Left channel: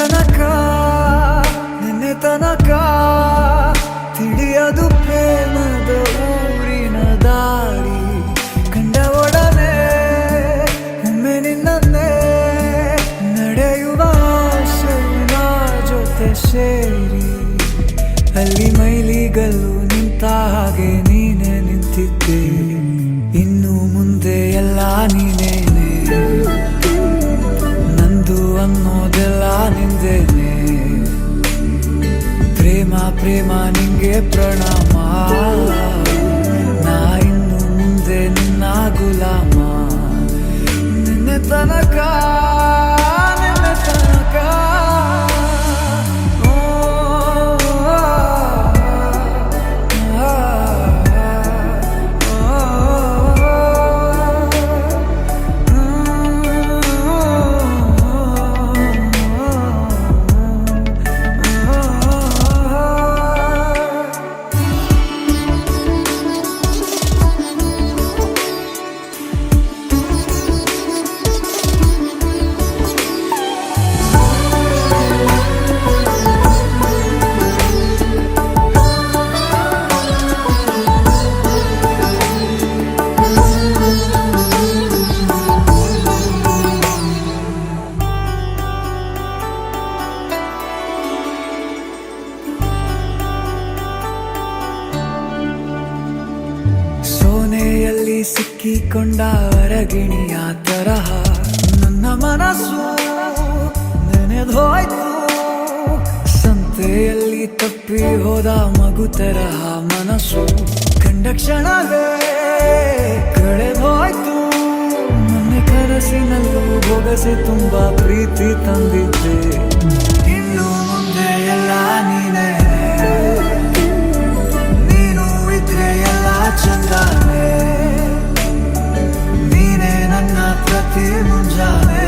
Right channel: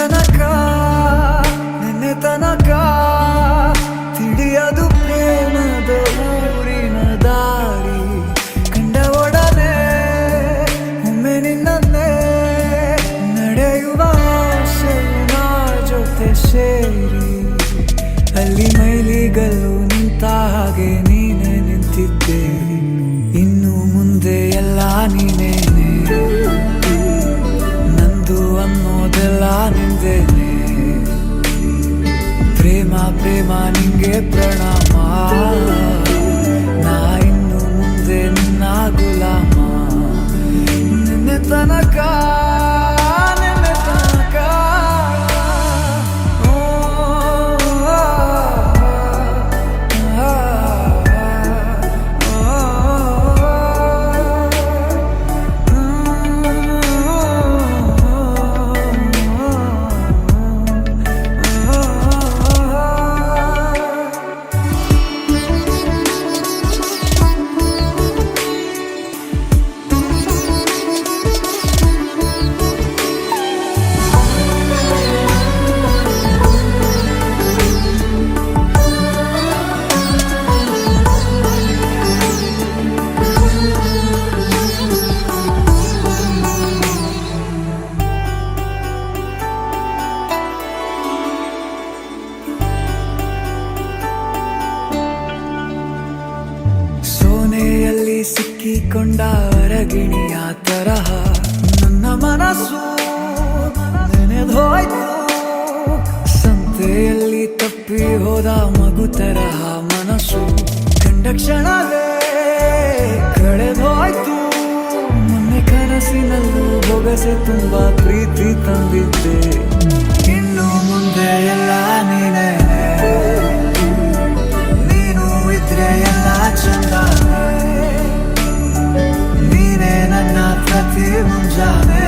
ತನಕ ನಿನ್ನೆ ತನಕ ತಿಳಿಯದು ಪ್ರೇಮದ ಊರಿನ ದಾರಿ ಕಂಡ ಒಡನೆ ಒಮ್ಮೆ ನಿನ್ನೇ ನಡೆಯುವ ಆಸೆಯ ಜೊತೆ ಸೇರಿ ಅಲ್ಲಿ ಮೈಲಿಗಲ್ಲು ನಿಂತ ಹಾಗೆ ನೀನೆ ನಿಂತಿದ್ದೆ ಇನ್ನು ಮುಂದೆ ಎಲ್ಲ ನೀನೇನೆ ನಂದು ಅನ್ನೋದೆಲ್ಲ ನಿಂದೇನೆ ಪ್ರೇಮ ಪ್ರೇಮ ನಿಂಗೆ ಪ್ರಣಾಮ ನಾ ಇನ್ನು ಮುಂದೆ ನಿನ್ನ ಗುಲಾಮ ನಿನ್ನೆ ತನಕ ನಿನ್ನೆ ತನಕ ಸೋನೆಯಲ್ಲಿ ಸಿಕ್ಕಿಕೊಂಡ ಅರಗಿಣಿಯ ತರಹ ನನ್ನ ಮನಸ್ಸು ನೆನೆದೋಯ್ತು ಸಂತೆಯಲ್ಲಿ ತಪ್ಪಿ ಹೋದ ಮಗು ತರಹ ಮನಸ್ಸು ಕಂಡ ಕ್ಷಣವೇ ಕಳೆದೋಯ್ತು ಮೊನ್ನೆ ಕನಸಿನಲ್ಲೂ ಬೊಗಸೆ ತುಂಬಾ ಪ್ರೀತಿ ತಂದಿದ್ದೆ ಇನ್ನು ಮುಂದೆ ಎಲ್ಲ ನೀನೇ ಎಲ್ಲ ಚಂದಾನೆ ನೀನೇ ನನ್ನ ಪ್ರತಿ ಮುಂಜಾನೆ